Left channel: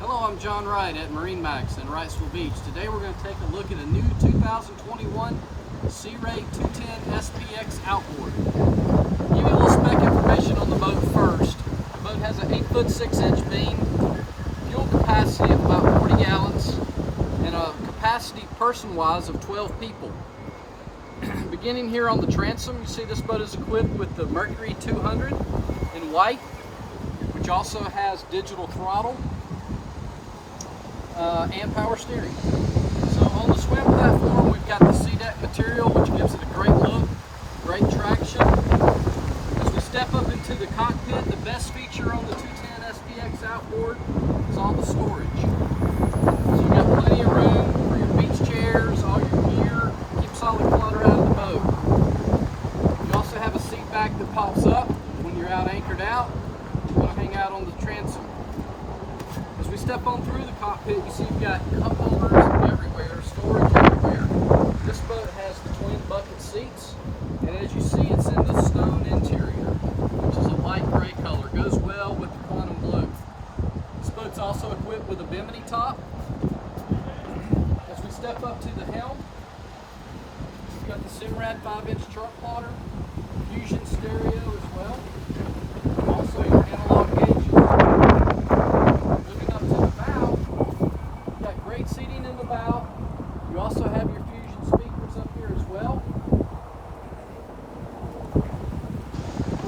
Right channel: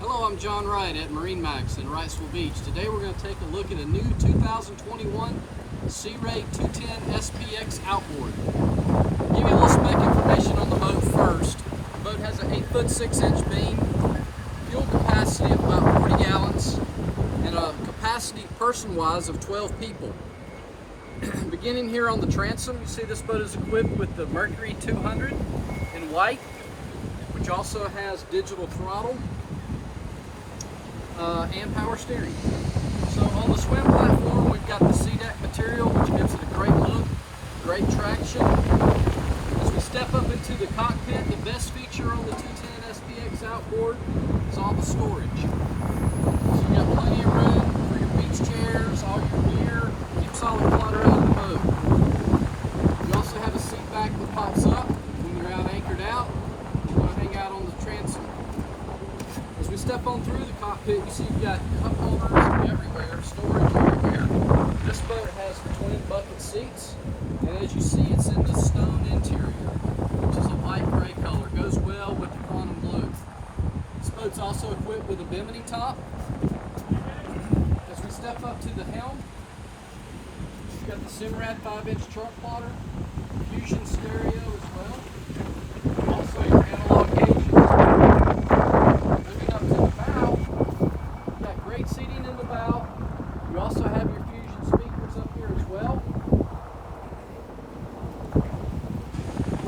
Hello, I'm John Wright at MarineMax in Wrightsville Beach. Today we're going to take a look at a new 2021 Sea Ray 210 SPX Outboard. Give you a little spec information on the boat first. The boat has an 8-foot 6-inch beam, fuel capacity of about 40 gallons, and a capacity person-wise of 12 people. Beginning here on the transom, you see this boat is equipped with the Mercury 200 in white, which also has digital throttle and power steering. So on the swim platform, we've got the C-deck material, which gives it a great look, great traction. As we step up into the cockpit, the best feature on the 210 SPX Outboard is all the storage. So you've got plenty of room for your beach chairs, all your gear, keeps all the clutter out of the boat. You also have a seat back that pops up when you're out anchored out. You want to hang out on the transom. As we step on through the cockpit, you see you've got cup holders everywhere, storage everywhere. This boat has the twin bucket seats, and as you see, it's in the stone interior, which is a light gray color. Goes well with the quantum blue. This boat's also equipped with a bimini top. As we step up to the helm, you've got the Simrad 5-inch chart plotter, Fusion stereo as well. Also your analog gauges. Moving up to the bow, you've got great seating in the bow. You also have your Fusion speakers up here as well.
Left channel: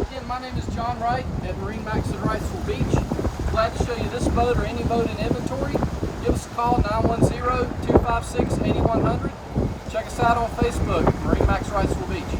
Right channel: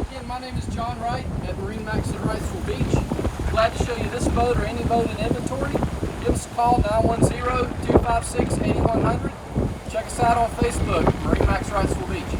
Again, my name is John Wright at MarineMax in Wrightsville Beach. Glad to show you this boat or any boat in inventory. Give us a call, 910-256-8100. Check us out on Facebook, MarineMax Wrightsville Beach.